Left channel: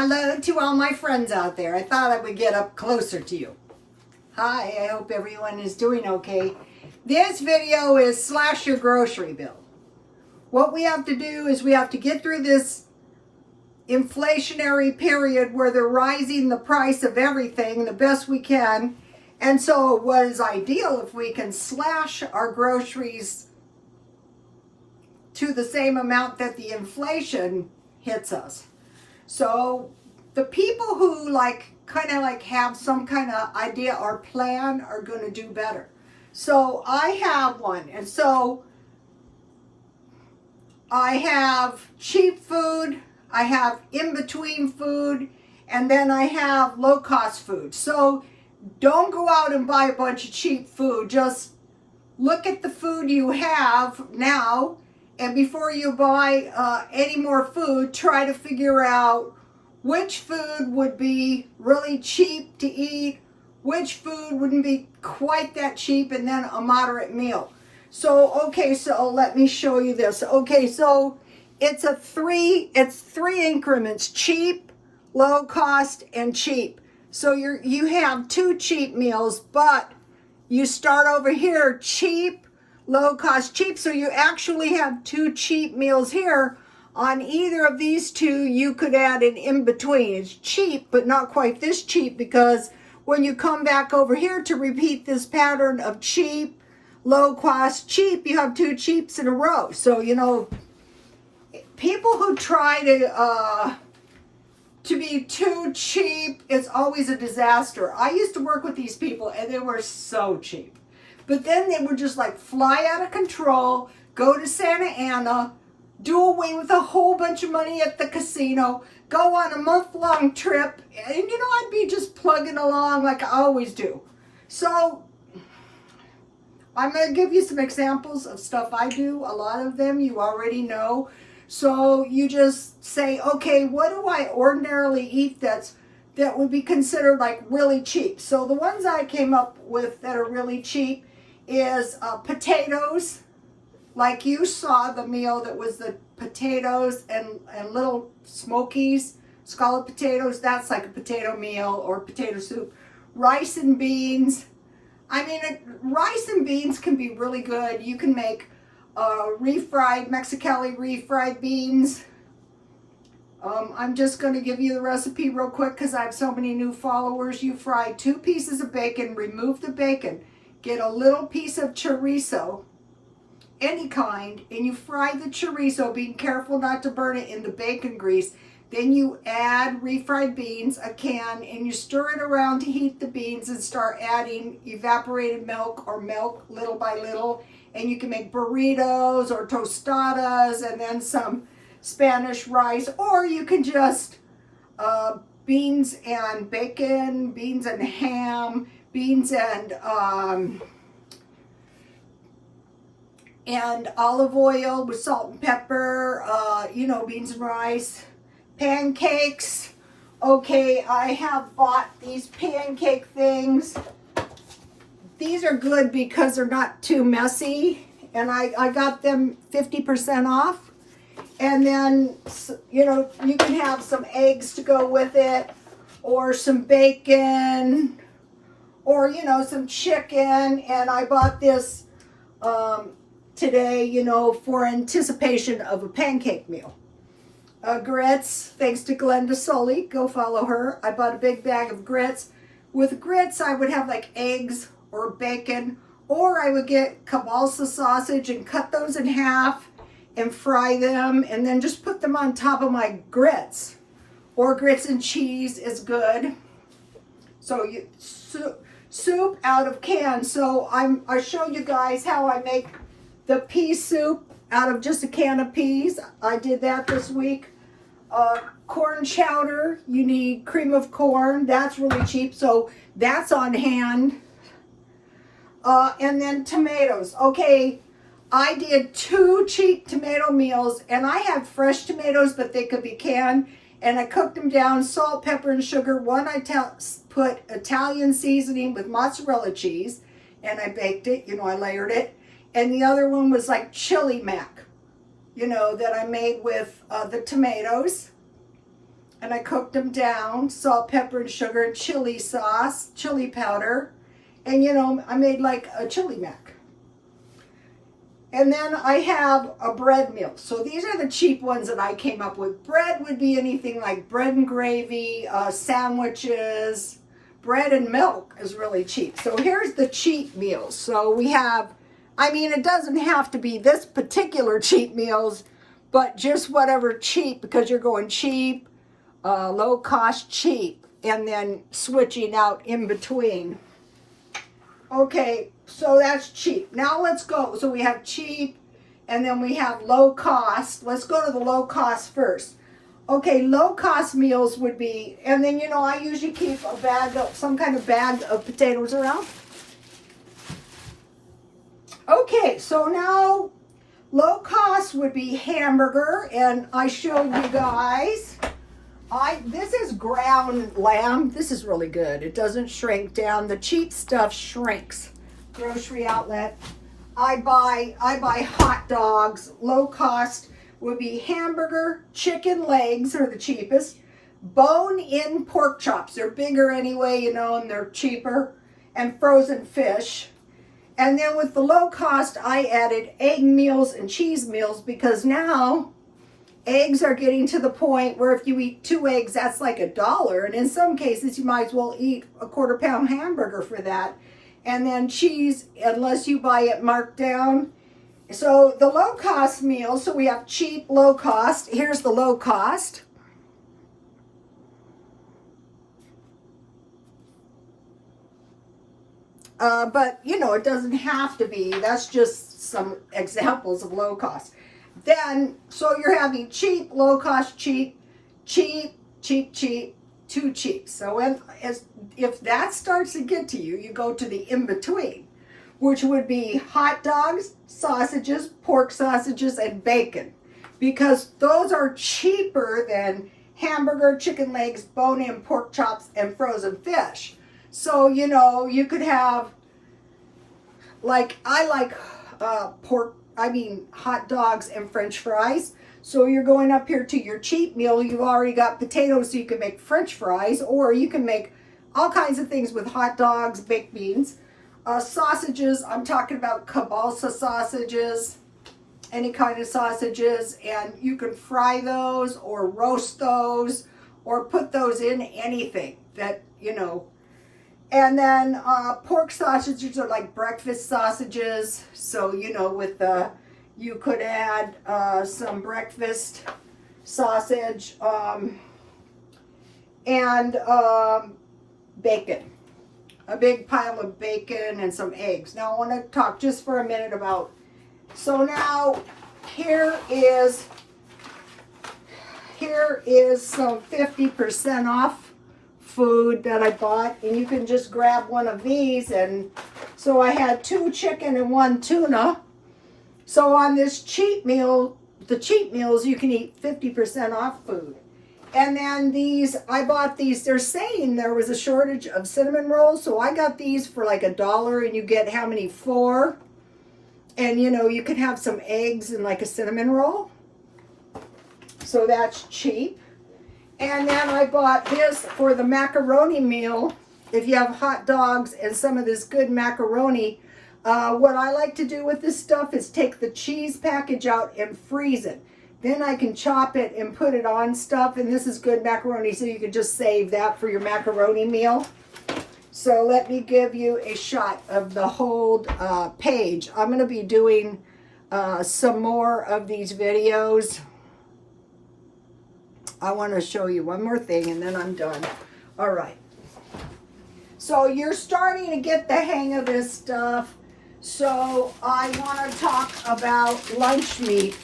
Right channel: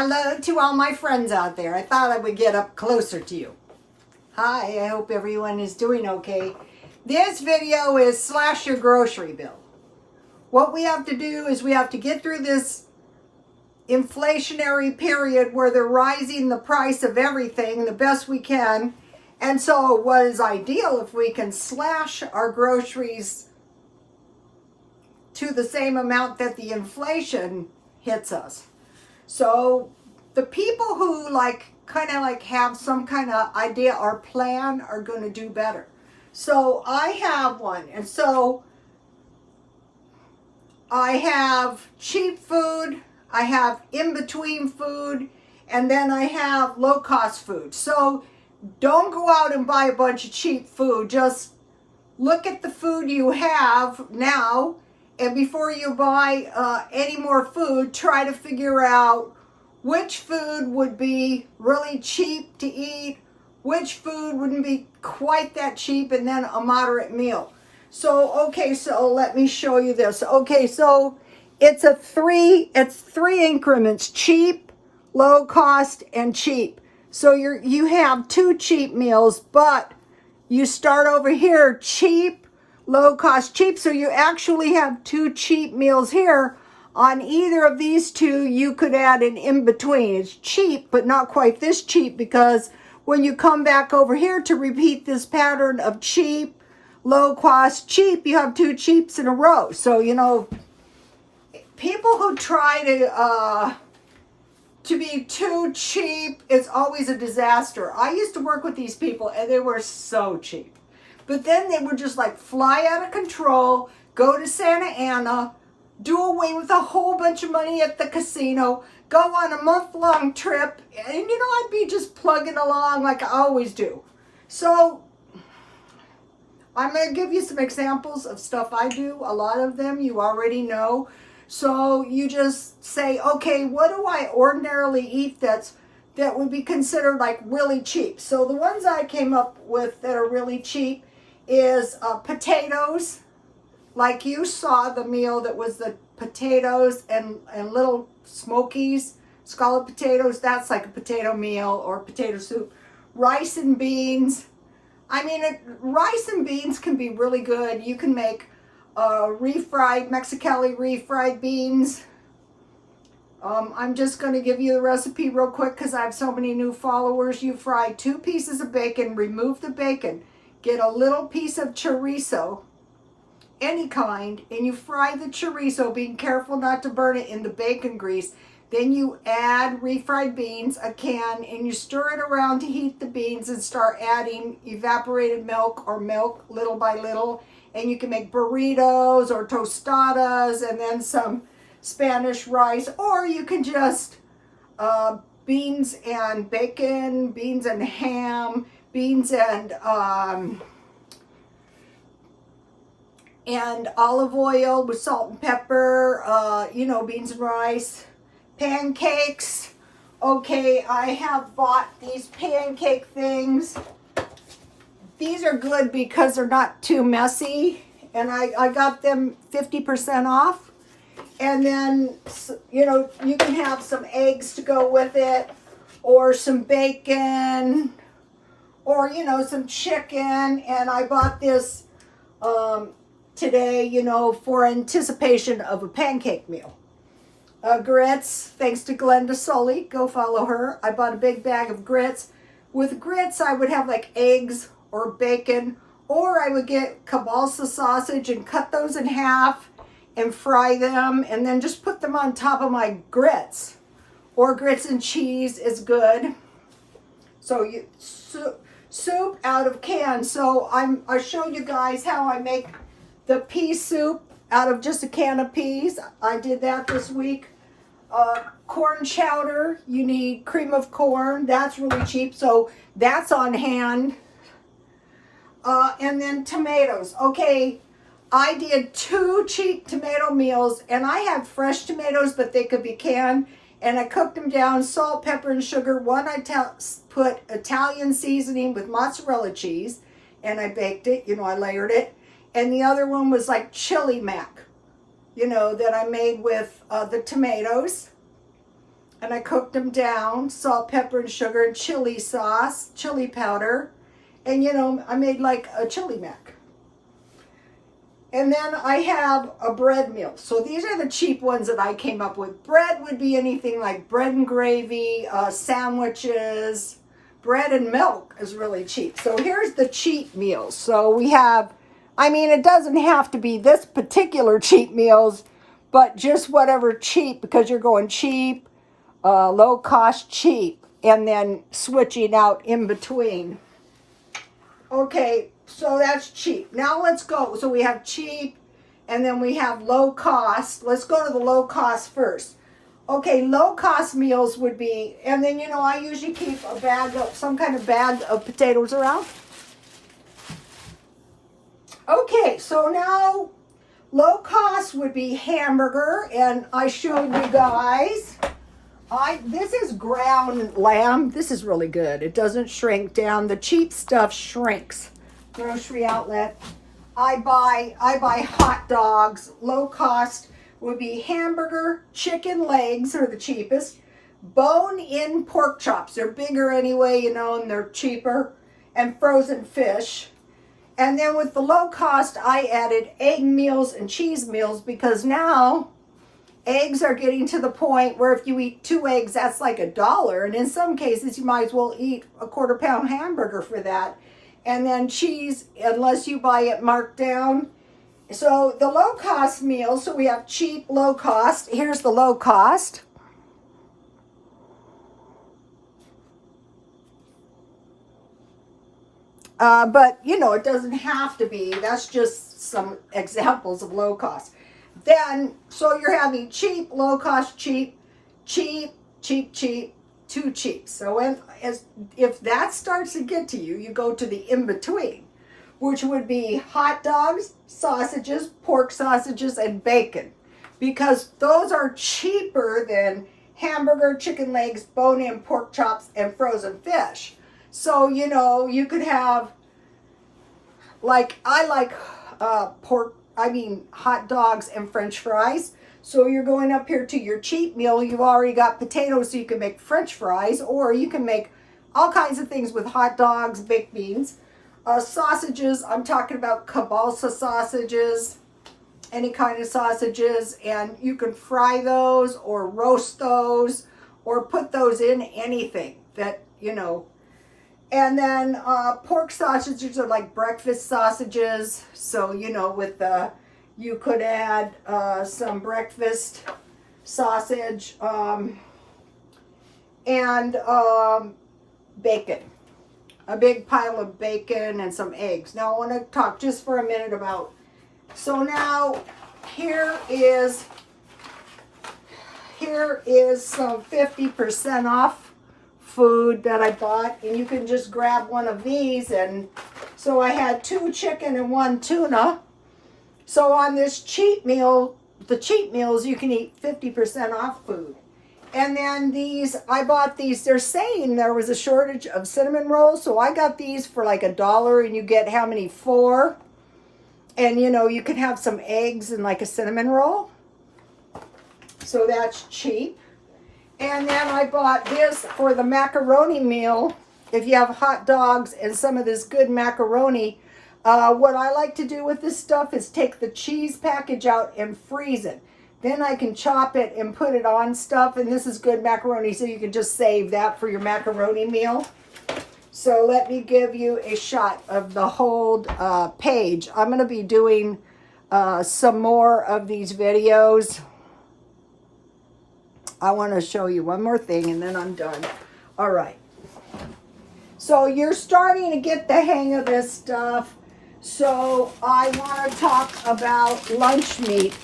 Hello to all my friends out there. I thought I would get up closer to you. Hi, I hope everyone is doing okay. This video is slash your grocery bill. What we have to do is we have to get through this inflationary period where they're rising the price of everything the best we can. And so what is ideal if we can slash our groceries to the same amount that the inflation hits us. So the people who kind of have some kind of idea or plan are going to do better. So I have one. And so I have cheap food, I have in-between food, and then I have low-cost food. So don't go out and buy a bunch of cheap food. Just look at the food you have now, and before you buy any more food, try to figure out which food would be really cheap to eat, which food wouldn't be quite that cheap, and then a moderate meal. So, okay, so let me show you this. Okay, so it's three increments: cheap, low cost, and cheap. So you have two cheap meals, but you start over here, cheap, low cost, cheap. So you actually have two cheap meals here. On either of these two, you could add an in-between. It's cheap, but not quite this cheap, because when you come back over here to repeat this pattern of cheap, low cost, cheap, you have two cheaps in a row. So, you know, people who try to be too cheap, it's always a disaster. I used to work with these people, and they were so cheap. But then they would just fly out of control, go to Santa Ana, do away with a whole bunch of money at the casino, go on a month-long trip, and I'd be just plugging along like I always do. So I'm going to give you some examples of stuff I do. A lot of them you already know. So you just say, okay, what do I ordinarily eat that would be considered really cheap? So the ones I came up with that are really cheap is potatoes. Like you saw the meal that was the potatoes and little smokies, scalloped potatoes. That's like a potato meal or potato soup. Rice and beans. I mean, rice and beans can be really good. You can make refried, Mexicali refried beans. I'm just going to give you the recipe real quick because I have so many new followers. You fry 2 pieces of bacon, remove the bacon, get a little piece of chorizo, any kind, and you fry the chorizo, being careful not to burn it in the bacon grease. Then you add refried beans, a can, and you stir it around to heat the beans and start adding evaporated milk or milk little by little. And you can make burritos or tostadas and then some Spanish rice, or you can just beans and bacon, beans and ham, beans and olive oil with salt and pepper, beans and rice. Pancakes. Okay, I have bought these pancake things. These are good because they're not too messy, and I got them 50% off. And then, you can have some eggs to go with it, or some bacon, or, some chicken. And I bought this today, for anticipation of a pancake meal. Grits, thanks to Glenda Sully. Go follow her. I bought a big bag of grits. With grits, I would have eggs or bacon, or I would get kielbasa sausage and cut those in half and fry them, and then just put them on top of my grits. Or grits and cheese is good. So soup out of cans. So I showed you guys how I make the pea soup out of just a can of peas. I did that this week. Corn chowder, you need cream of corn. That's really cheap, so that's on hand. And then tomatoes. Okay, I did 2 cheap tomato meals, and I had fresh tomatoes, but they could be canned. And I cooked them down, salt, pepper, and sugar. One I put Italian seasoning with mozzarella cheese, and I baked it. I layered it. And the other one was chili mac, that I made with the tomatoes. and I cooked them down, salt, pepper, and sugar, and chili sauce, chili powder. And you know, I made like a chili mac. And then I have a bread meal. So these are the cheap ones that I came up with. Bread would be anything like bread and gravy, sandwiches, bread and milk is really cheap. So here's the cheap meals. So we have, I mean, it doesn't have to be this particular cheap meals, but just whatever cheap, because you're going cheap, low cost, cheap, and then switching out in between. Okay, so that's cheap. Now let's go. So we have cheap, and then we have low cost. Let's go to the low cost first. Okay, low cost meals would be, and then you know, I usually keep a bag of, some kind of bag of potatoes around. Okay, so now low cost would be hamburger, and I showed you guys. This is ground lamb. This is really good. It doesn't shrink down. The cheap stuff shrinks. Grocery outlet. I buy hot dogs. Low cost would be hamburger, chicken legs are the cheapest. Bone-in pork chops. They're bigger anyway, you know, and they're cheaper. And frozen fish. And then with the low cost, I added egg meals and cheese meals because now eggs are getting to the point where if you eat 2 eggs, that's like $1. And in some cases, you might as well eat a quarter-pound hamburger for that. And then cheese, unless you buy it marked down. So the low-cost meal, so we have cheap, low cost. Here's the low cost. But, you know, it doesn't have to be. That's just some examples of low cost. Then, so you're having cheap, low cost, cheap, cheap, cheap, cheap, too cheap. So if that starts to get to you, you go to the in-between, which would be hot dogs, sausages, pork sausages, and bacon. Because those are cheaper than hamburger, chicken legs, bone-in pork chops, and frozen fish. So, you know, you could have, like, I like hot dogs and French fries. So you're going up here to your cheap meal. You've already got potatoes, so you can make French fries, or you can make all kinds of things with hot dogs, baked beans. Sausages, I'm talking about kielbasa sausages, any kind of sausages, and you can fry those or roast those or put those in anything that, you know. And then pork sausages are like breakfast sausages. So, you know, with you could add some breakfast sausage and bacon. A big pile of bacon and some eggs. Now I want to talk just for a minute about, so now here is some 50% off food that I bought, and you can just grab one of these. And so I had 2 chicken and 1 tuna. So on this cheap meal, the cheap meals, you can eat 50% off food. And then these, I bought these, they're saying there was a shortage of cinnamon rolls, so I got these for like $1, and you get how many? 4. And you know, you can have some eggs and like a cinnamon roll. So that's cheap. And then I bought this for the macaroni meal. If you have hot dogs and some of this good macaroni, what I like to do with this stuff is take the cheese package out and freeze it. Then I can chop it and put it on stuff. And this is good macaroni, so you can just save that for your macaroni meal. So let me give you a shot of the whole page. I'm going to be doing some more of these videos. I want to show you one more thing and then I'm done. All right. So you're starting to get the hang of this stuff. So I want to talk about lunch meat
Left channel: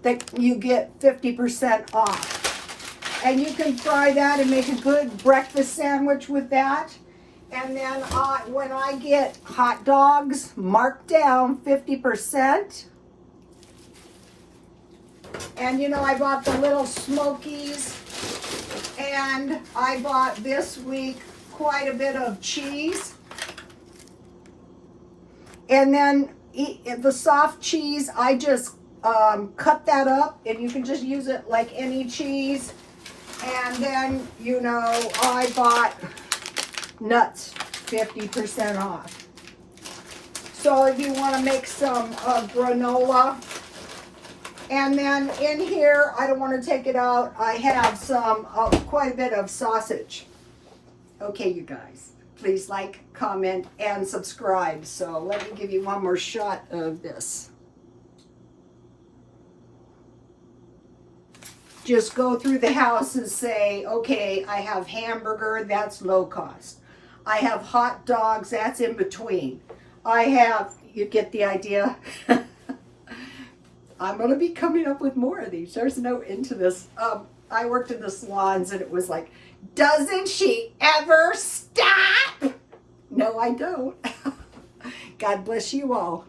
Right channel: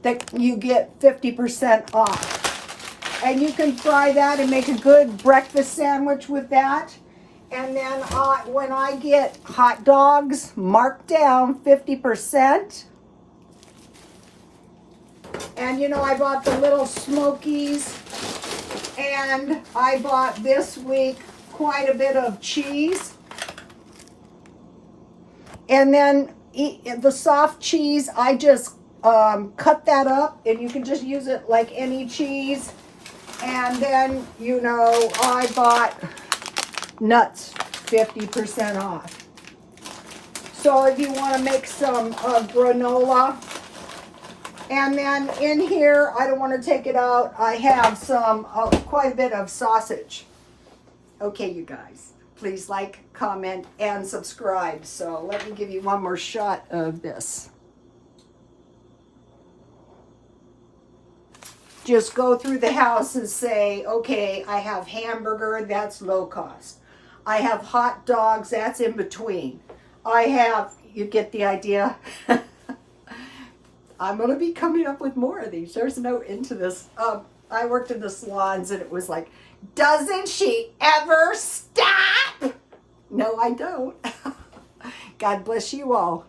that you get 50% off. And you can fry that and make a good breakfast sandwich with that. And then when I get hot dogs marked down 50%, and you know, I bought the little Smokies, and I bought this week quite a bit of cheese. And then the soft cheese, I just cut that up, and you can just use it like any cheese. And then, you know, I bought nuts, 50% off. So if you want to make some granola. And then in here, I don't want to take it out, I have some, quite a bit of sausage. Okay, you guys, please like, comment, and subscribe. So let me give you one more shot of this. Just go through the house and say, okay, I have hamburger, that's low cost. I have hot dogs, that's in between. I have, you get the idea? I'm going to be coming up with more of these. There's no end to this. I worked in the salons and it was like, doesn't she ever stop? No, I don't. God bless you all.